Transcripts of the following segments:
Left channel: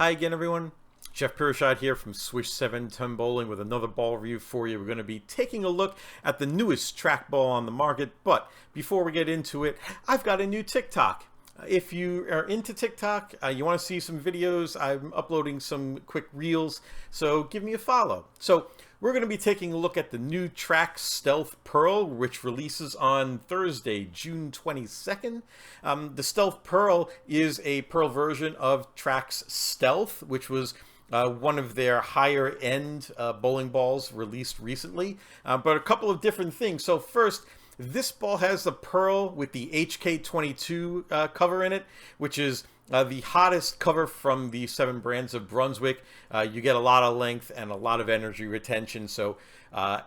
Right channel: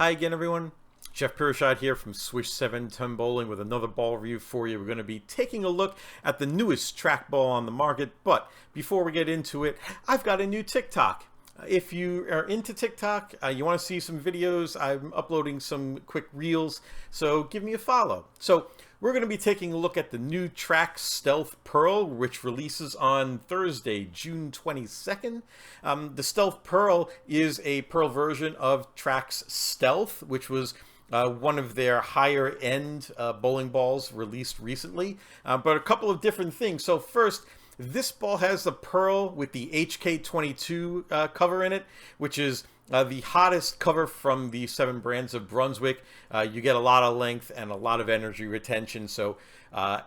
Hi again, everyone. Jeff Pirashad here from Swish 7 Ton Bowling with another ball review for you. We're going to be taking a look at the newest trackball on the market, but before we get into it, I've got a new TikTok. If you are into TikTok, you want to see some videos, I'm uploading some quick reels, so give me a follow. So we're going to be taking a look at the new Trax Stealth Pearl, which releases on Thursday, June 22nd. The Stealth Pearl is a Pearl version of Trax Stealth, which was one of their higher end bowling balls released recently, but a couple of different things. So first, this ball has the Pearl with the HK22 cover in it, which is the hottest cover from the 7 brands of Brunswick. You get a lot of length and a lot of energy retention, so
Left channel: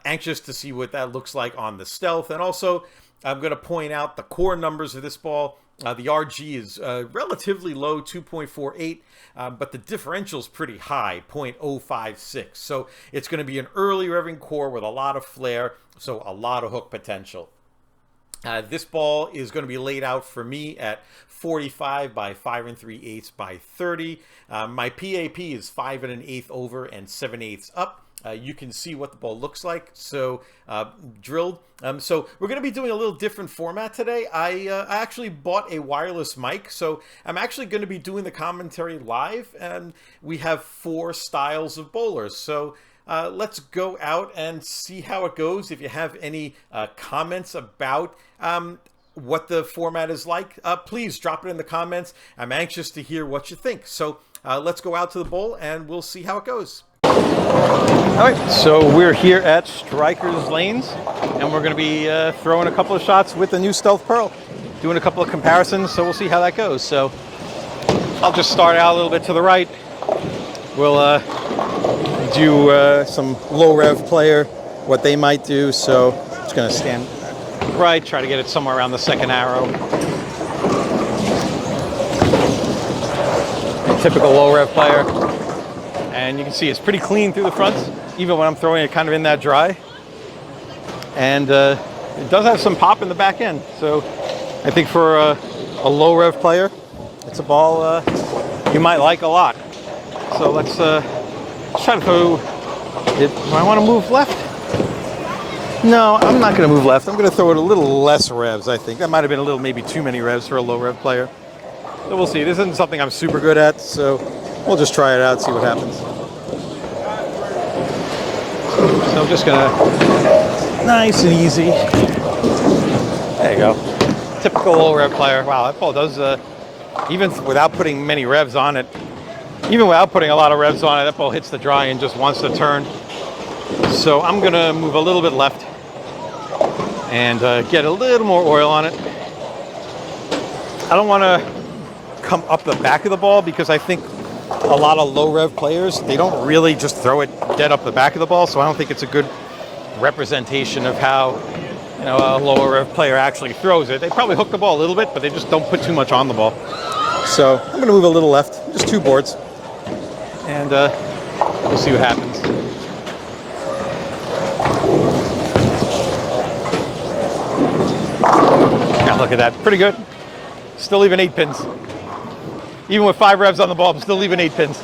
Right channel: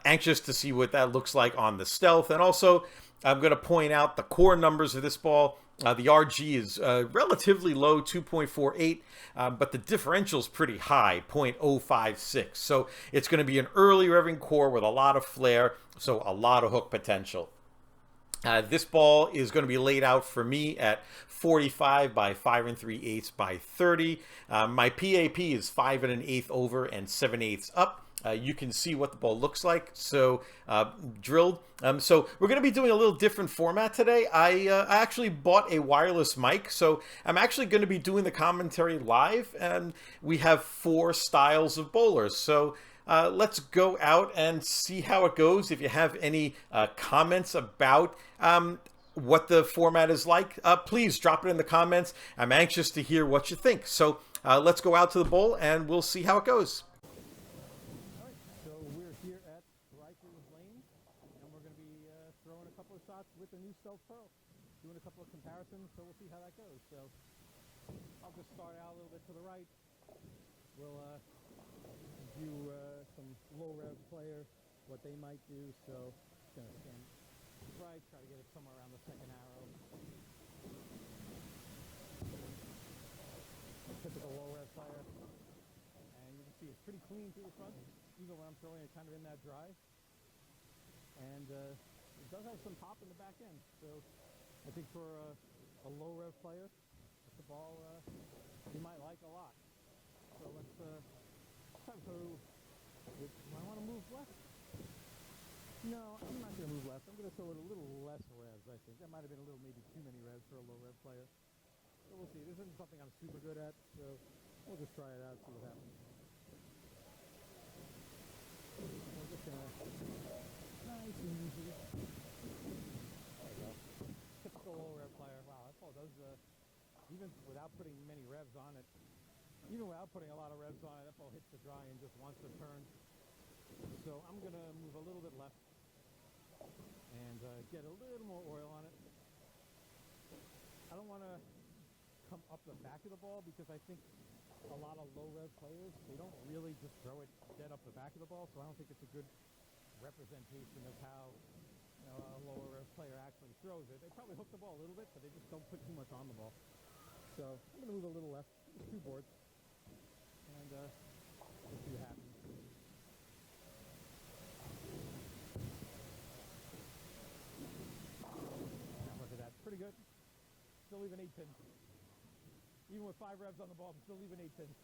anxious to see what that looks like on the Stealth. And also, I'm going to point out the core numbers of this ball. The RG is relatively low, 2.48, but the differential is pretty high, 0.056. So it's going to be an early revving core with a lot of flair, so a lot of hook potential. This ball is going to be laid out for me at 45 by 5 3/8 by 30. My PAP is 5 1/8 over and 7/8 up. You can see what the ball looks like, so drilled. So we're going to be doing a little different format today. I actually bought a wireless mic, so I'm actually going to be doing the commentary live, and we have 4 styles of bowlers. So let's go out and see how it goes. If you have any comments about what the format is like, please drop it in the comments. I'm anxious to hear what you think. So let's go out to the bowl and we'll see how it goes. All right, so we're here at Strikers Lanes, and we're going to be throwing a couple of shots with the new Stealth Pearl, doing a couple of comparisons, so we'll see how that goes. So I'll just start out a little bit to the right. We'll do some low Rev Player, what they might do. So I'm just going to stand right, try to get it somewhere around the second arrow. Typical low Rev Player. And you can see it's pretty clean through the fronts, even when I'm throwing it kind of in that dry. And it does have some pop in the back end. So I think for a low Rev Player, it's a ball you might like a lot. So let's try to throw it. Do I want to move left? No, I'm not going to move left. I'm going to throw it a little less revs, I think. That might have been a little, maybe too many revs for a low Rev Player. So we'll see. This isn't something I'm super good at, so we'll just try it out, see what happens. So I'm just going to, nice and easy. There you go. Typical low Rev Player. Wow, that ball does, even without putting many revs on it, even without putting a lot of revs on it, that ball hits the dry and just wants to turn. So I'm going to move a little bit left and get a little more oil on it. I don't want to come up the back of the ball because I think a lot of low Rev players, they don't really just throw it dead up the back of the ball. So I don't think it's a good representation of how, you know, a lower Rev player actually throws it. They probably hook the ball a little bit, but they just don't put too much on the ball. So I'm going to move a little left, just 2 boards, and we'll see what happens. Yeah, look at that. Pretty good. Still leaving 8 pins. Even with 5 revs on the ball, I'm still leaving 8 pins.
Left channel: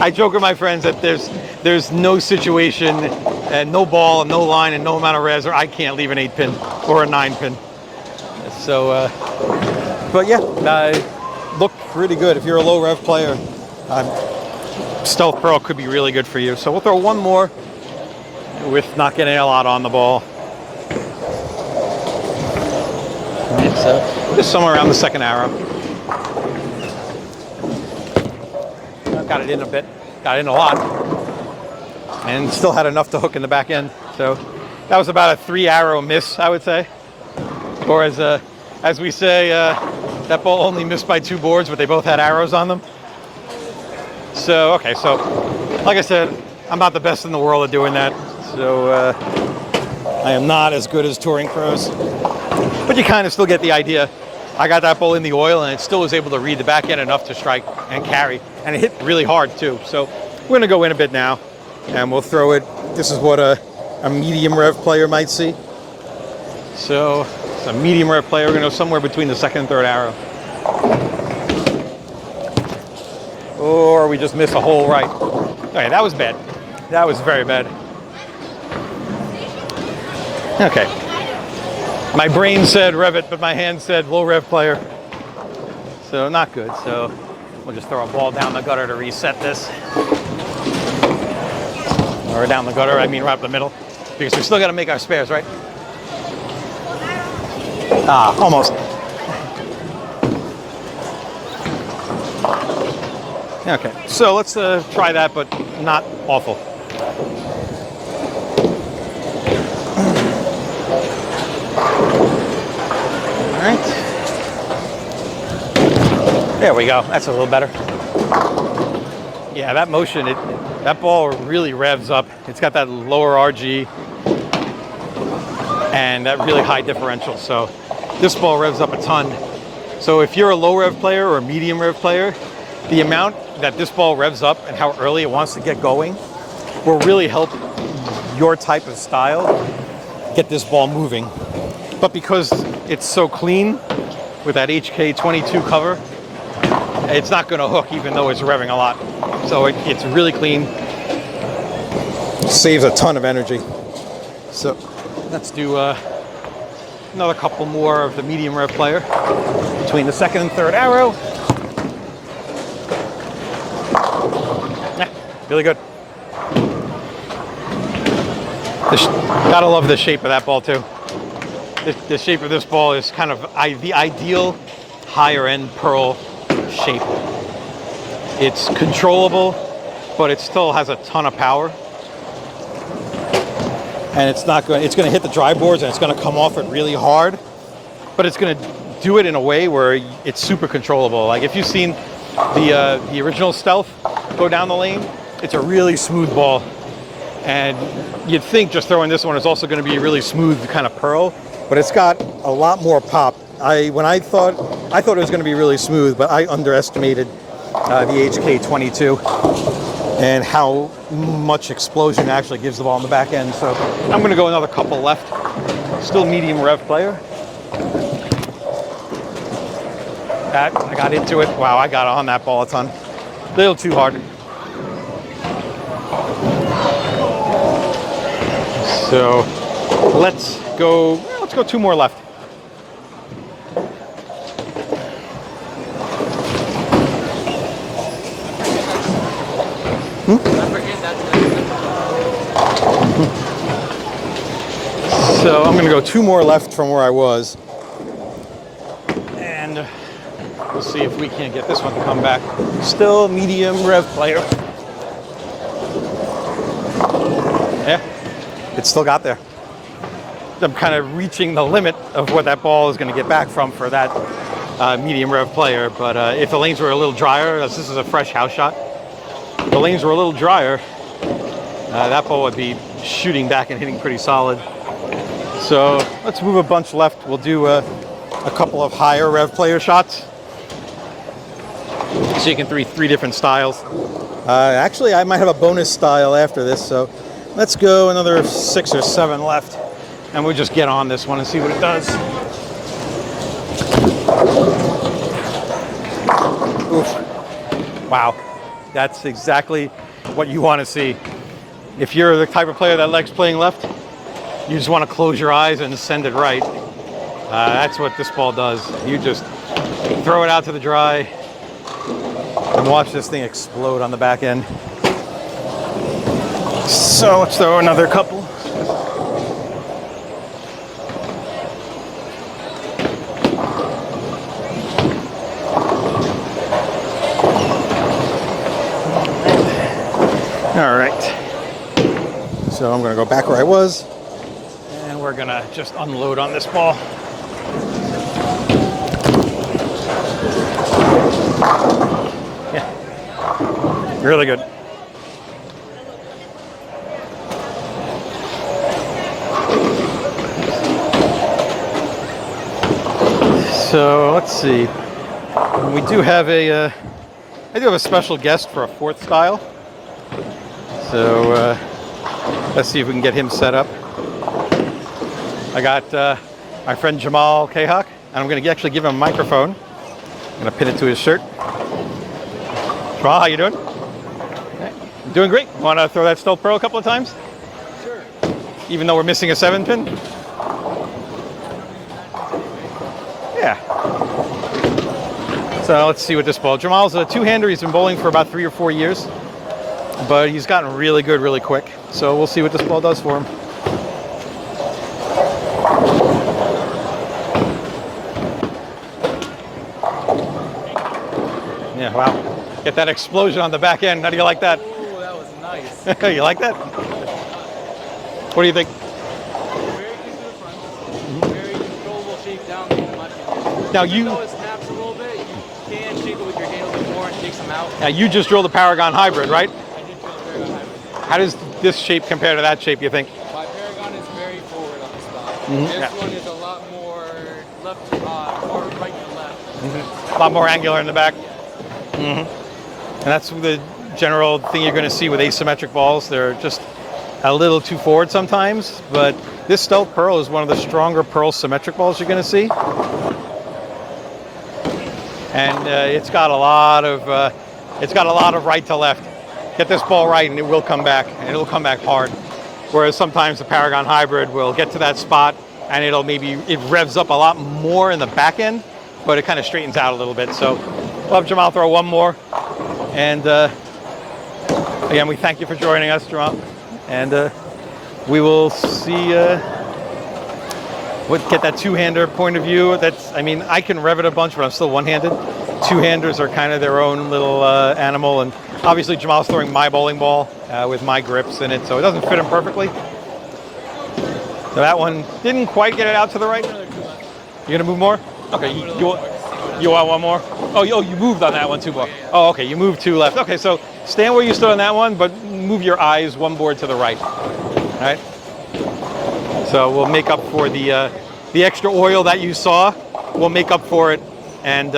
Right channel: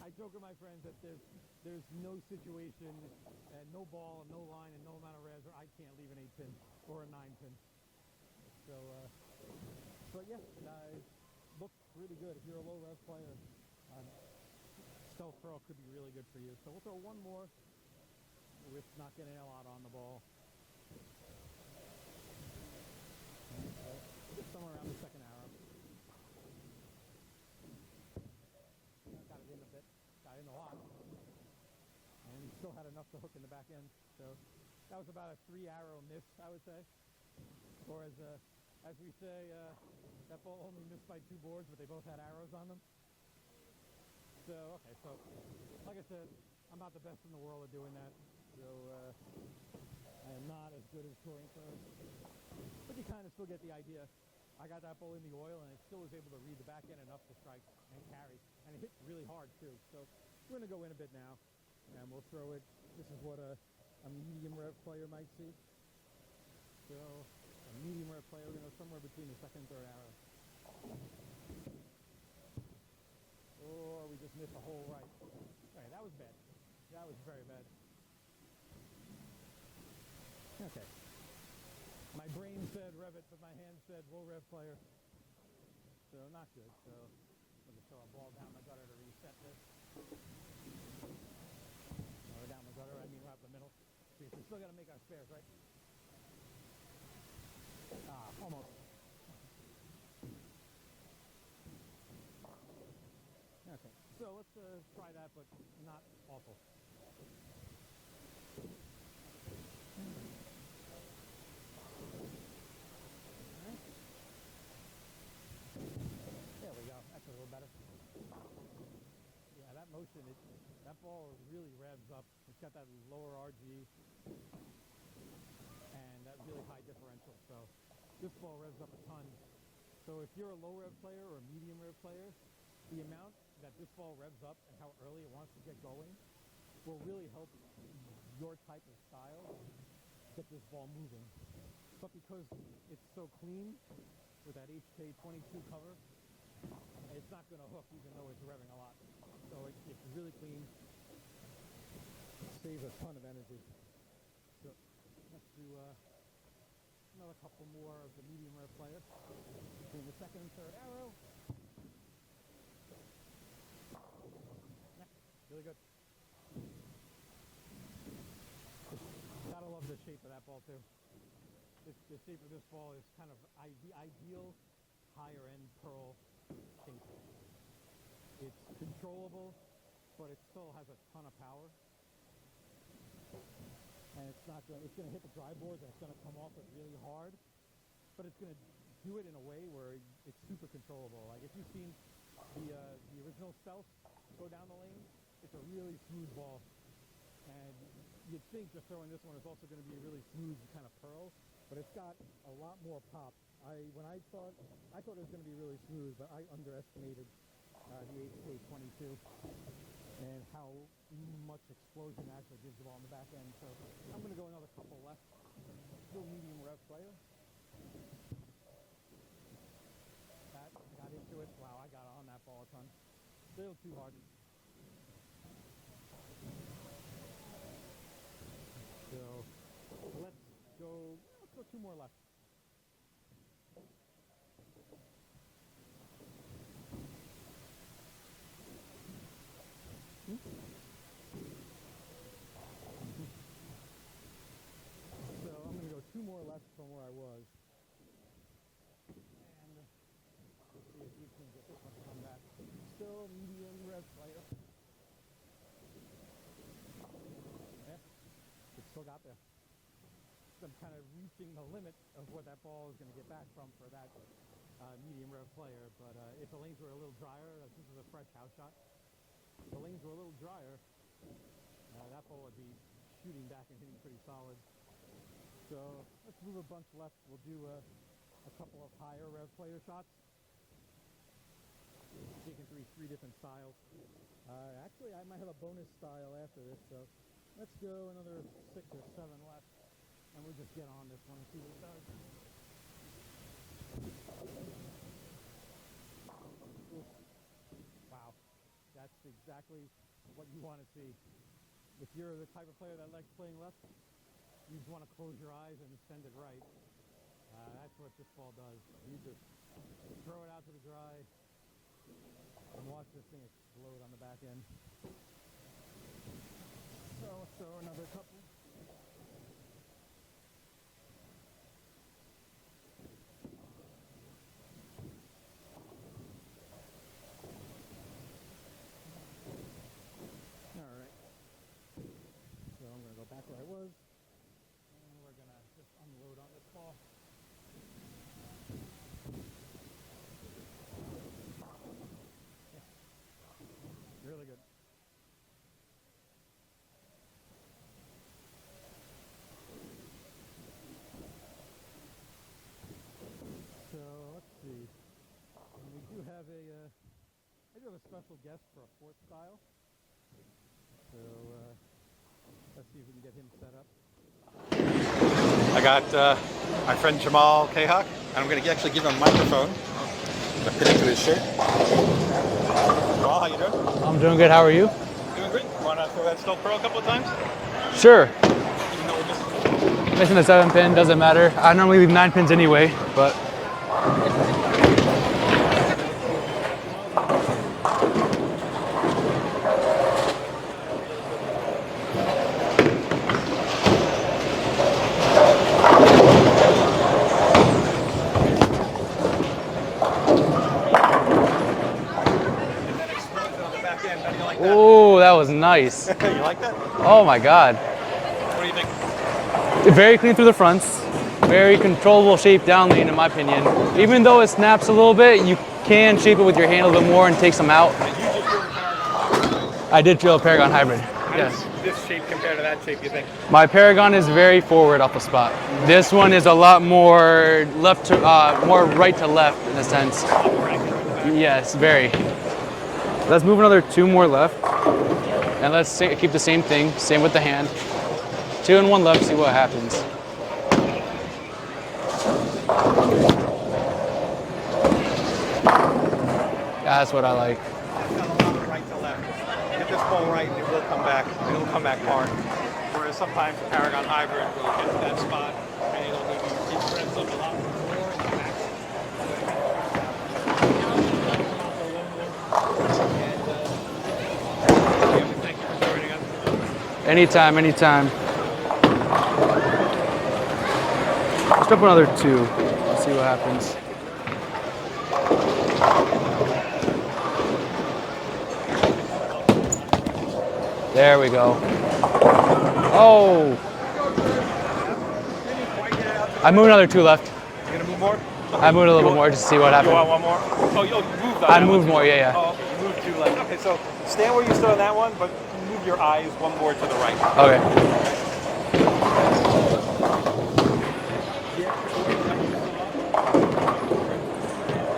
I joke with my friends that there's no situation and no ball and no line and no amount of revs where I can't leave an 8 pin or a 9 pin. So, but yeah, look pretty good. If you're a low Rev player, Stealth Pearl could be really good for you. So we'll throw one more with not getting a lot on the ball. And so just somewhere around the second arrow. Got it in a bit, got it in a lot, and still had enough to hook in the back end. So that was about a 3 arrow miss, I would say. Or as we say, that ball only missed by 2 boards, but they both had arrows on them. So, okay, so like I said, I'm not the best in the world at doing that. So I am not as good as touring pros, but you kind of still get the idea. I got that ball in the oil and it still was able to read the back end enough to strike and carry. And it hit really hard too. So we're going to go in a bit now and we'll throw it. This is what a medium Rev player might see. So it's a medium Rev player. We're going to go somewhere between the second and third arrow. or we just miss a hole right. Okay, that was bad. That was very bad. Okay. My brain said rev it, but my hand said low rev player. So not good. So we'll just throw a ball down the gutter to reset this. Or down the gutter, I mean right up the middle. Because we still got to make our spares, right? Ah, almost. Okay, so let's try that, but not awful. All right. There we go. That's a little better. Yeah, that motion, that ball really revs up. It's got that lower RG and that really high differential. So this ball revs up a ton. So if you're a low rev player or a medium rev player, the amount that this ball revs up and how early it wants to get going will really help your type of style get this ball moving. But because it's so clean with that HK22 cover, it's not going to hook even though it's revving a lot. So it's really clean. Saves a ton of energy. So let's do another couple more of the medium rev player between the second and third arrow. Yeah, really good. Gotta love the shape of that ball too. The shape of this ball is kind of the ideal higher end pearl shape. It's controllable, but it still has a ton of power. And it's going to hit the dry boards and it's going to come off it really hard, but it's going to do it in a way where it's super controllable. Like if you've seen the original Stealth go down the lane, it's a really smooth ball. And you'd think just throwing this one is also going to be a really smooth kind of pearl, but it's got a lot more pop. I thought it was going to be really smooth, but I underestimated the HK22 and how much explosion it actually gives the ball on the back end. So I'm going to go another couple left. Still medium rev player. That I got into it. Wow, I got on that ball a ton. A little too hard. So let's go 2 more left. So I'm going to go 2 more left from where I was. And we'll see if we can get this one to come back. Still medium rev player. Yeah, it still got there. I'm kind of reaching the limit of what that ball is going to get back from for that medium rev player. But if the lanes were a little drier, as this is a fresh house shot, if the lanes were a little drier, that ball would be shooting back and hitting pretty solid. So let's move a bunch left. We'll do a couple of higher rev player shots. So you can three different styles. Actually, I might have a bonus style after this. So let's go another 6 or 7 left. And we'll just get on this one and see what it does. Oof. Wow. That's exactly what you want to see. If you're the type of player that likes playing left, you just want to close your eyes and send it right. That's what this ball does. You just throw it out to the dry and watch this thing explode on the back end. So let's throw another couple. All right. So I'm going to go back where I was. We're gonna just unload on this ball. Yeah, really good. So let's see. We do have I do have a special guest for a 4th style. So let's see if we can get him set up. I got my friend Jamal Kahak, and I'm going to actually give him a microphone. I'm going to pin it to his shirt. Jamal, how you doing? I'm doing good. How are you? Doing great. Want to throw that Stealth Pearl a couple of times? Sure. Even though we're missing a 7-pin? Missing a 7-pin, doesn't matter. I normally leave 9 pins anyway, but... Yeah. So let's see what this ball. Jamal's a two-hander. He's been bowling for about 3 or 4 years, but he's gotten really good really quick. So we'll see what this ball does for him. Yeah, wow. Get that explosion on the back end. How do you like that? Oh, that was nice. You like that? Oh my God. What do you think? Very clean through the fronts. Very controllable shape down lane, in my opinion. Now, even though it snaps a little bit, you can shape it with your hand a little bit more and take some out. Now you just drilled a Paragon Hybrid, right? I did drill a Paragon Hybrid. How does this shape compare to that shape, you think? My Paragon is very forward off the spot. This one is a lot more left to, more right to left in a sense. A lot more angular in the back? Yes, very. And Let's move another 2 more general left. thing you're going to see with asymmetric balls. Keep the They're same just thing. Same with the a hand. little too forward sometimes. 2 and 1 left. But See what happens. this Stealth Pearl is one of the stronger pearl symmetric balls you're going to see. And it's got a lot it's got a lot of right to left. Get this ball right and it will come back. And it'll come back hard. Whereas sometimes the Paragon Hybrid will get to that spot and it revs up a lot more in the back end, but it kind of straightens out a little bit. So we'll have Jamal throw one more. And again, we thank you for joining us, Jamal. Anytime, anytime. We will see get that two-hander point of view. That's, I mean, I can rev it a bunch, but I'm still one-handed. Two-handers are kind of their own little animal, and obviously Jamal's throwing my bowling ball with my grips in it, so it doesn't fit him perfectly. Oh! So that one didn't quite get it out to the right. I moved another 2 left. You're gonna move more? Okay. I moved a little bit more just to see what happens. You want one more? Oh, you moved on that one too. More, yeah. Oh, okay, you moved 2 left. Okay, so stand where you stood on that one, but move your eyes 1 board to the right. Okay. All right. So we'll make up for the extra oil that you saw. We'll make up for it, and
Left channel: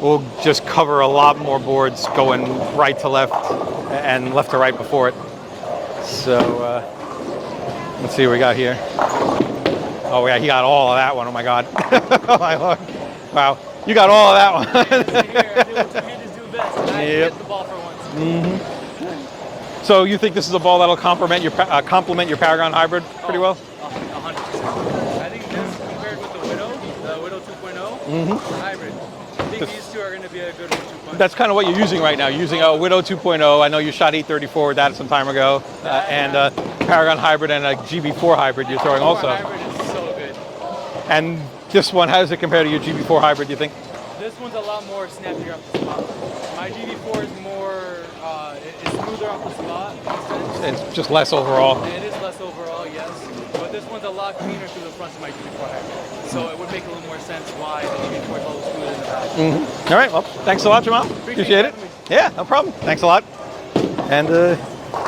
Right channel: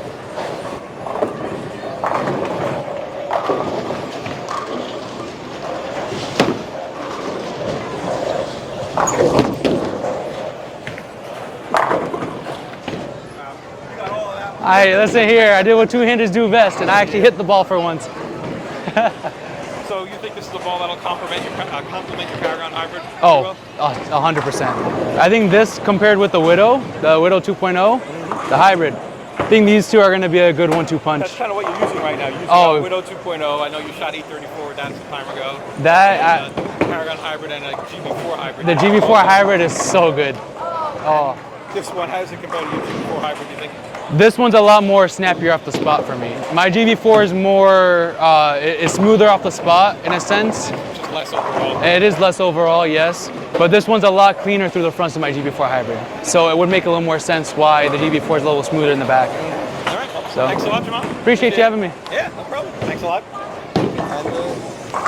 we'll just cover a lot more boards going right to left and left to right before it. So let's see what we got here. Oh yeah, he got all of that one. Oh my God. Oh my Lord. Wow, you got all of that one. Listen here, I did what two-handers do best, and I actually hit the ball for once. So you think this is a ball that'll complement your Paragon Hybrid pretty well? 100%. I think this compared with the Widow 2.0, the Hybrid, I think these two are going to be a good 1-2 punch. That's kind of what you're using right now. You're using a Widow 2.0. I know you shot 834 with that some time ago. That and Paragon Hybrid and a GB4 Hybrid. The GB4 Hybrid is so good. And this one, how does it compare to your GB4 Hybrid, do you think? This one's a lot more snappier off the spot for me. My GB4 is more, it's smoother off the spot in a sense. It's just less overall. It is less overall, yes. But this one's a lot cleaner through the fronts of my GB4 Hybrid. So it would make a little more sense why the GB4 is a little smoother in the back. All right, well, thanks a lot, Jamal. Appreciate you having me. Yeah, no problem. Thanks a lot. And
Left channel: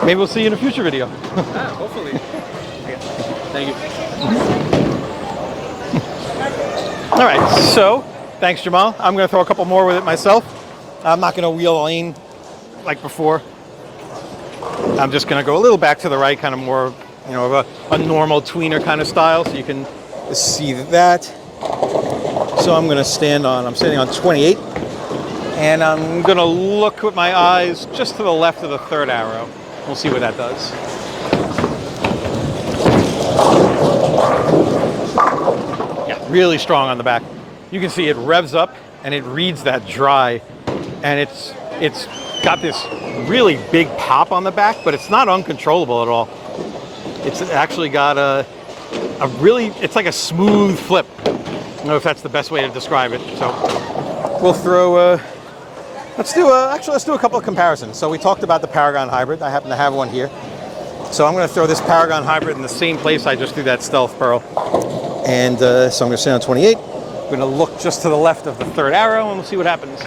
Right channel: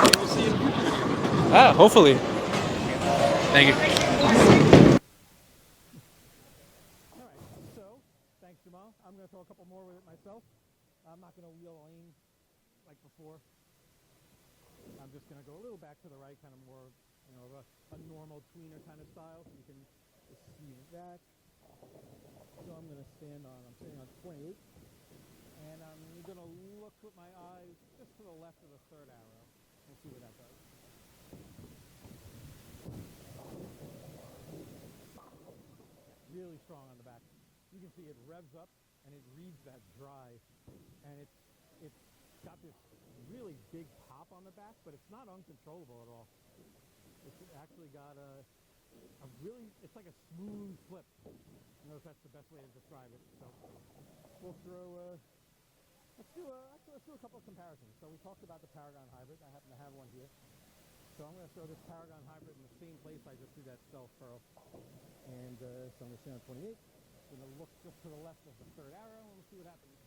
maybe we'll see you in a future video. Hopefully. Thank you. All right, so thanks, Jamal. I'm going to throw a couple more with it myself. I'm not going to wheel a lane like before. I'm just going to go a little back to the right, kind of more, of a normal tweener kind of style, so you can see that. So I'm standing on 28, and I'm going to look with my eyes just to the left of the 3rd arrow. We'll see what that does. Yeah, really strong on the back. You can see it revs up and it reads that dry, and it's got this really big pop on the back, but it's not uncontrollable at all. It's actually got it's like a smooth flip. I don't know if that's the best way to describe it. So we'll throw, let's do a couple of comparisons. So we talked about the Paragon Hybrid. I happen to have one here. So I'm going to throw this Paragon Hybrid in the same place I just threw that Stealth Pearl. And so I'm going to stand on 28. I'm going to look just to the left of the 3rd arrow, and we'll see what happens.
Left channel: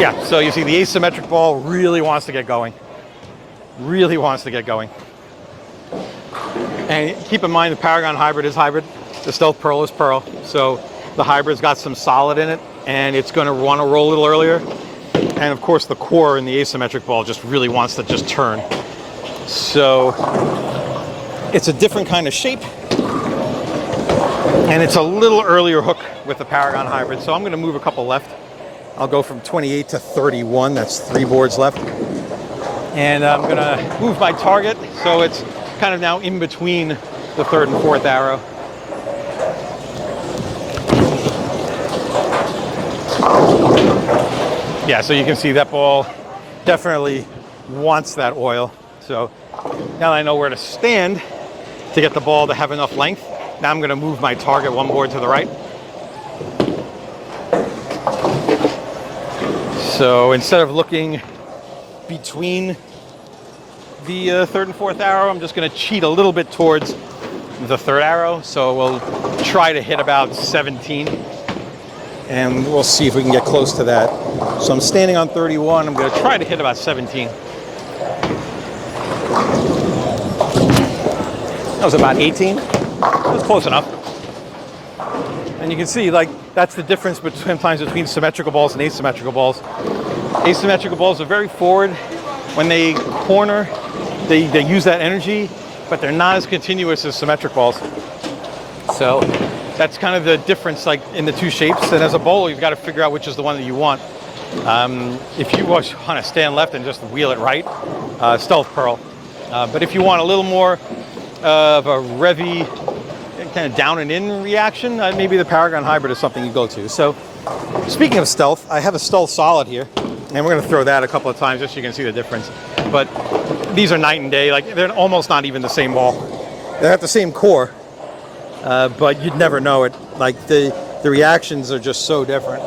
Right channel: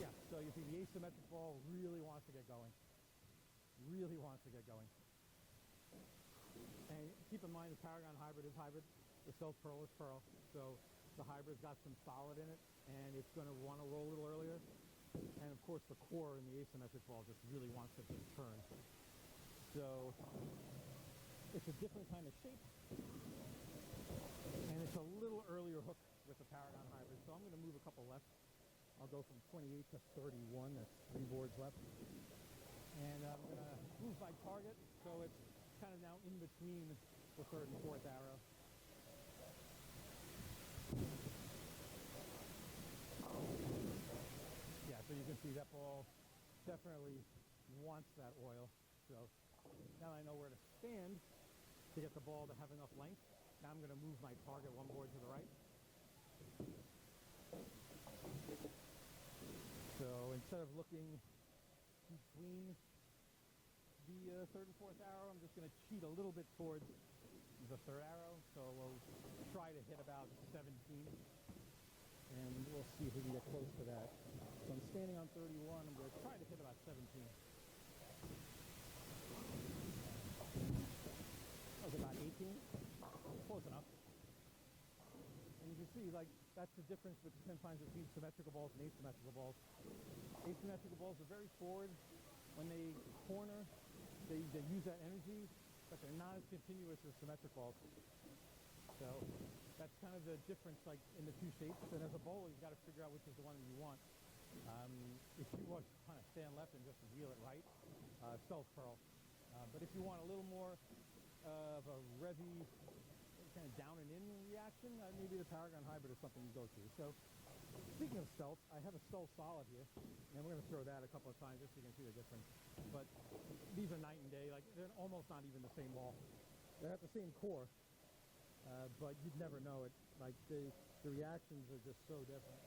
Yeah, so you see the asymmetric ball really wants to get going. Really wants to get going. And keep in mind the Paragon Hybrid is hybrid. The Stealth Pearl is pearl. So the hybrid's got some solid in it, and it's going to want to roll a little earlier. And of course the core in the asymmetric ball just really wants to just turn. So it's a different kind of shape. And it's a little earlier hook with the Paragon hybrid, so I'm going to move a couple left. I'll go from 28 to 31. That's 3 boards left. And I'm going to move my target so it's kind of now in between the 3rd and 4th arrow. Yeah, so you can see that ball definitely wants that oil. So now that I know where to stand to get the ball to have enough length, now I'm going to move my target 1 board to the right. So instead of looking between the 3rd and 4th arrow, I'm just going to cheat a little bit towards the 3rd arrow. So we'll try to hit about 17. And we'll see if we can get close to that. So I'm standing on 31. I'm going to try to hit about 17. That was about 18. That was close enough. And you can see, like, that's the difference sometimes between symmetrical balls and asymmetrical balls. Asymmetrical balls are very forward. When they corner, they use that energy, but they're not as continuous as symmetric balls. So that's kind of the difference, like, in the 2 shapes. And as a bowler, you've got to figure out which is the one that you want. If you want to stand left and just wheel it right, stealth pearl. But if you want a little more of a revy, kind of down and in reaction, maybe the Paragon hybrid is something you go to. So speaking of stealth, I have a stealth solid here, and we're going to throw that a couple of times just so you can see the difference. But these are night and day. Like, they're almost not even the same ball. They have the same core. But you'd never know it. Like, the reactions are just so different.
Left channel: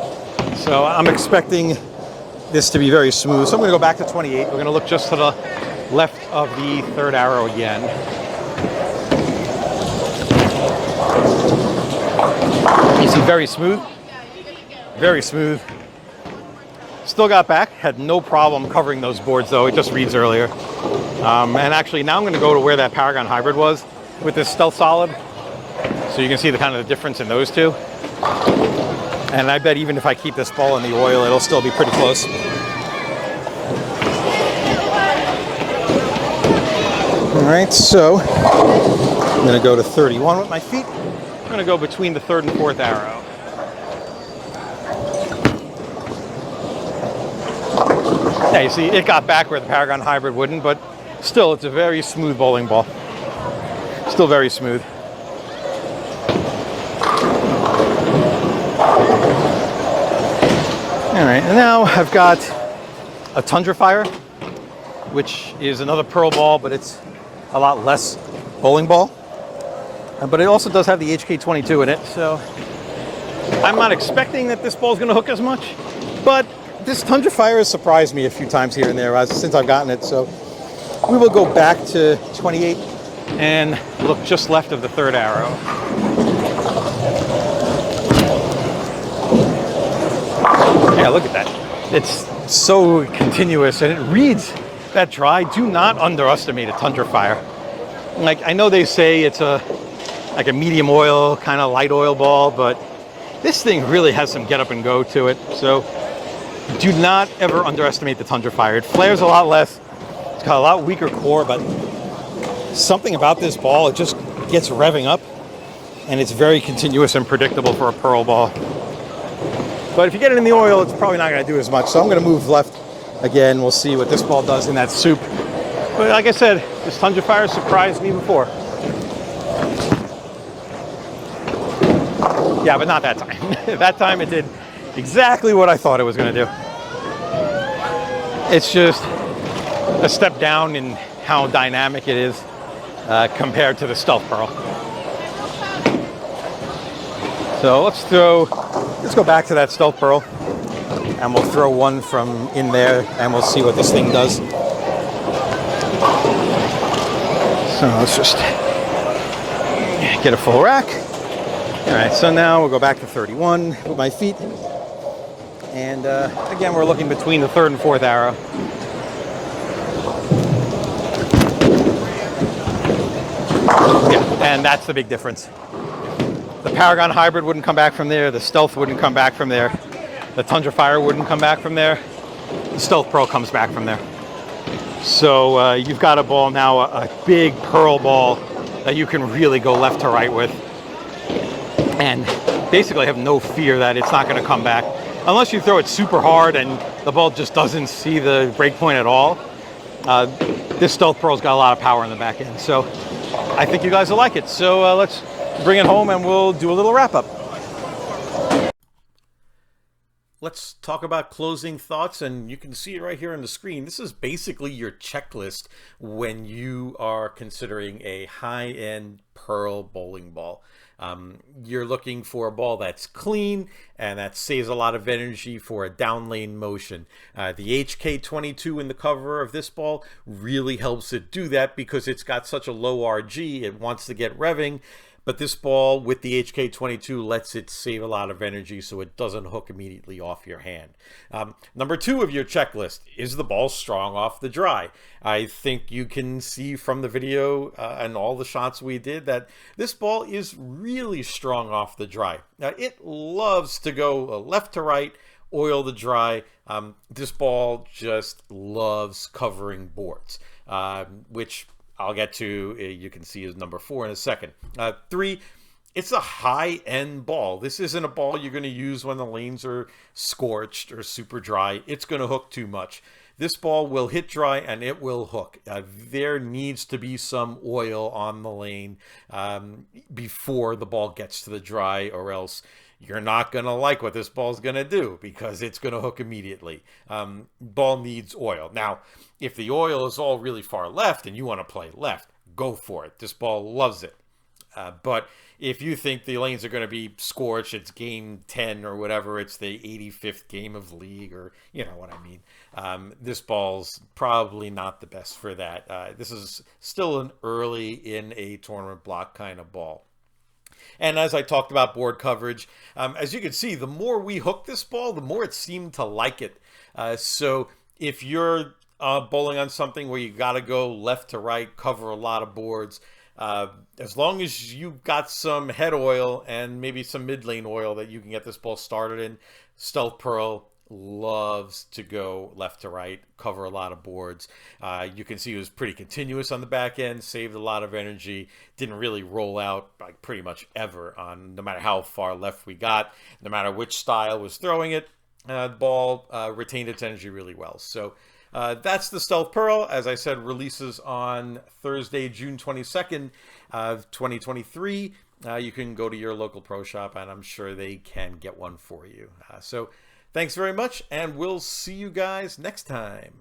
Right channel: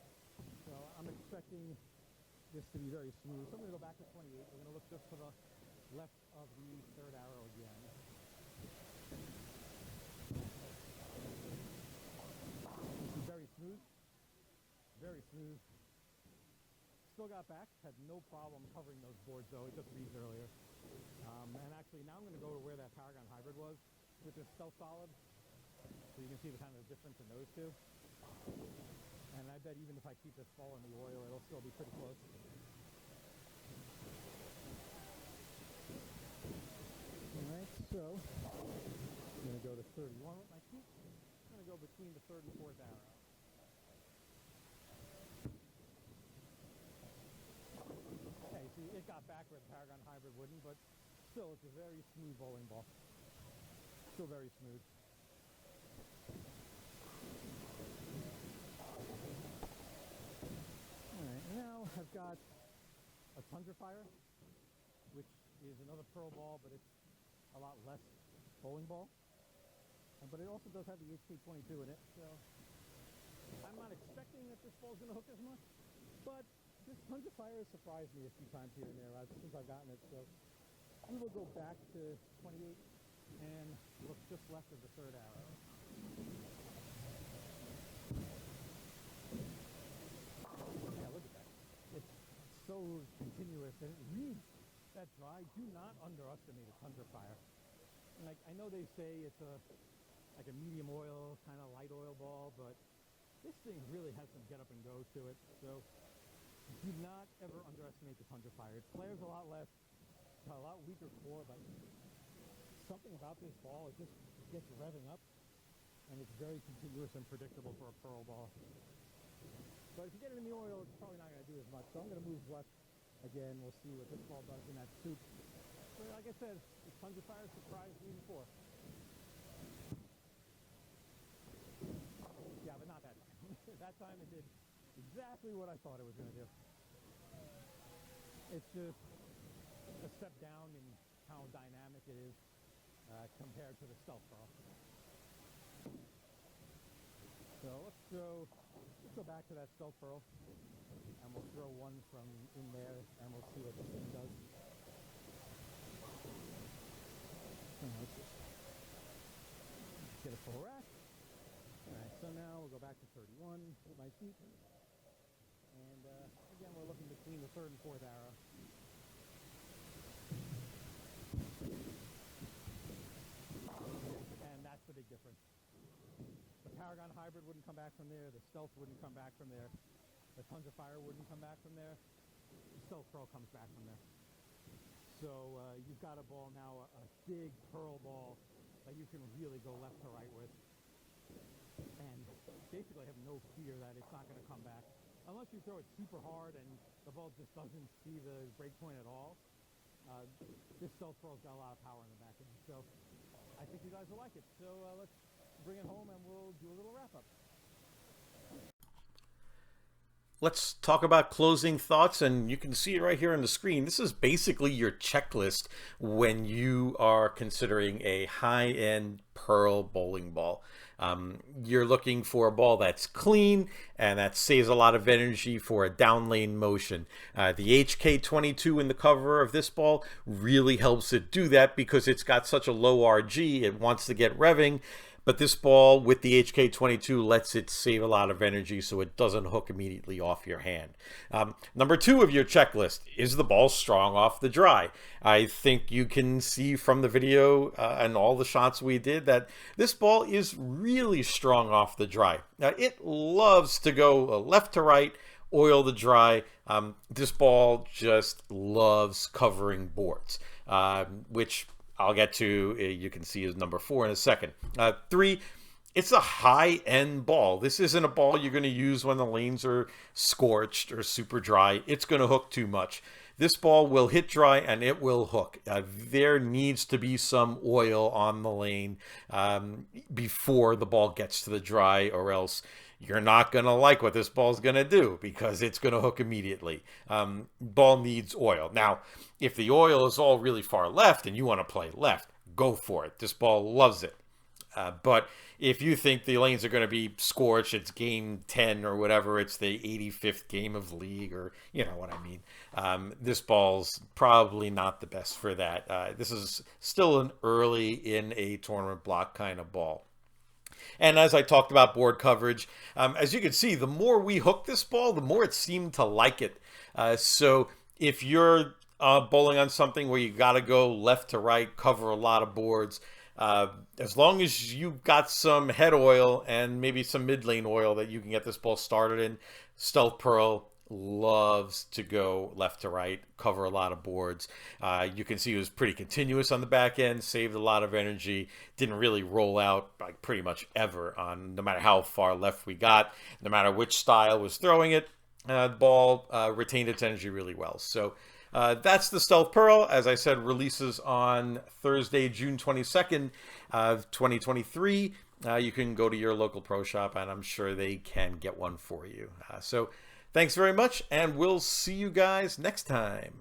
So I'm expecting this to be very smooth. So I'm going to go back to 28. We're going to look just to the left of the 3rd arrow again. You see, very smooth. Very smooth. Still got back. Had no problem covering those boards, though. It just reads earlier. And actually, now I'm going to go to where that Paragon hybrid was with this stealth solid. So you can see the kind of the difference in those two. And I bet even if I keep this ball in the oil, it'll still be pretty close. All right, so I'm going to go to 31 with my feet. I'm going to go between the 3rd and 4th arrow. Yeah, you see, it got back where the Paragon hybrid wouldn't, but still, it's a very smooth bowling ball. Still very smooth. All right, and now I've got a Tundra Fire, which is another pearl ball, but it's a lot less bowling ball. But it also does have the HK22 in it, so I'm not expecting that this ball is going to hook as much. But this Tundra Fire has surprised me a few times here and there since I've gotten it. So we will go back to 28 and look just left of the 3rd arrow. Yeah, look at that. It's so continuous and it reads that dry. Do not underestimate a Tundra Fire. Like, I know they say it's like a medium oil, kind of light oil ball, but this thing really has some get up and go to it. So do not ever underestimate the Tundra Fire. It flares a lot less. It's got a lot weaker core, but something about this ball, it just gets revving up and it's very continuous and predictable for a pearl ball. But if you get it in the oil, it's probably not going to do as much. So I'm going to move left again. We'll see what this ball does in that soup. But like I said, this Tundra Fire surprised me before. Yeah, but not that time. That time it did exactly what I thought it was going to do. It's just a step down in how dynamic it is compared to the Stealth Pearl. So let's go back to that Stealth Pearl and we'll throw one from in there and we'll see what this thing does. So let's just get a full rack. All right, so now we'll go back to 31 with my feet. And again, we're looking between the 3rd and 4th arrow. Yeah, and that's the big difference. The Paragon Hybrid wouldn't come back from there. The Stealth wouldn't come back from there. The Tundra Fire wouldn't come back from there. The Stealth Pearl comes back from there. So you've got a ball now, a big pearl ball that you can really go left to right with. and basically have no fear that it's not going to come back. Unless you throw it super hard and the ball just doesn't see the break point at all. This Stealth Pearl's got a lot of power in the back end, so I think you guys will like it. So let's bring it home and we'll do a little wrap up. Let's talk about closing thoughts, and you can see it right here on the screen. This is basically your checklist when you are considering a high-end Pearl bowling ball. You're looking for a ball that's clean and that saves a lot of energy for a down lane motion. The HK22 in the cover of this ball really helps it do that because it's got such a low RG. It wants to get revving. But this ball with the HK22 lets it save a lot of energy so it doesn't hook immediately off your hand. Number 2 of your checklist, is the ball strong off the dry? I think you can see from the video and all the shots we did that this ball is really strong off the dry. Now, it loves to go left to right, oil the dry. This ball just loves covering boards, which I'll get to, you can see, is number 4 in a second. 3, it's a high-end ball. This isn't a ball you're going to use when the lanes are scorched or super dry. It's going to hook too much. This ball will hit dry and it will hook. There needs to be some oil on the lane before the ball gets to the dry, or else you're not going to like what this ball is going to do because it's going to hook immediately. Ball needs oil. Now, if the oil is all really far left and you want to play left, go for it. This ball loves it. But if you think the lanes are going to be scorched, it's game 10 or whatever, it's the 85th game of league, or you know what I mean. This ball's probably not the best for that. This is still an early in a tournament block kind of ball. And as I talked about board coverage, as you can see, the more we hook this ball, the more it seemed to like it. So if you're bowling on something where you got to go left to right, cover a lot of boards, as long as you've got some head oil and maybe some mid lane oil that you can get this ball started in, Stealth Pearl loves to go left to right, cover a lot of boards. You can see it was pretty continuous on the back end, saved a lot of energy, didn't really roll out like pretty much ever on no matter how far left we got, no matter which style was throwing it, the ball retained its energy really well. So that's the Stealth Pearl. As I said, releases on Thursday, June 22nd, 2023. You can go to your local pro shop and I'm sure they can get one for you. So thanks very much, and we'll see you guys next time.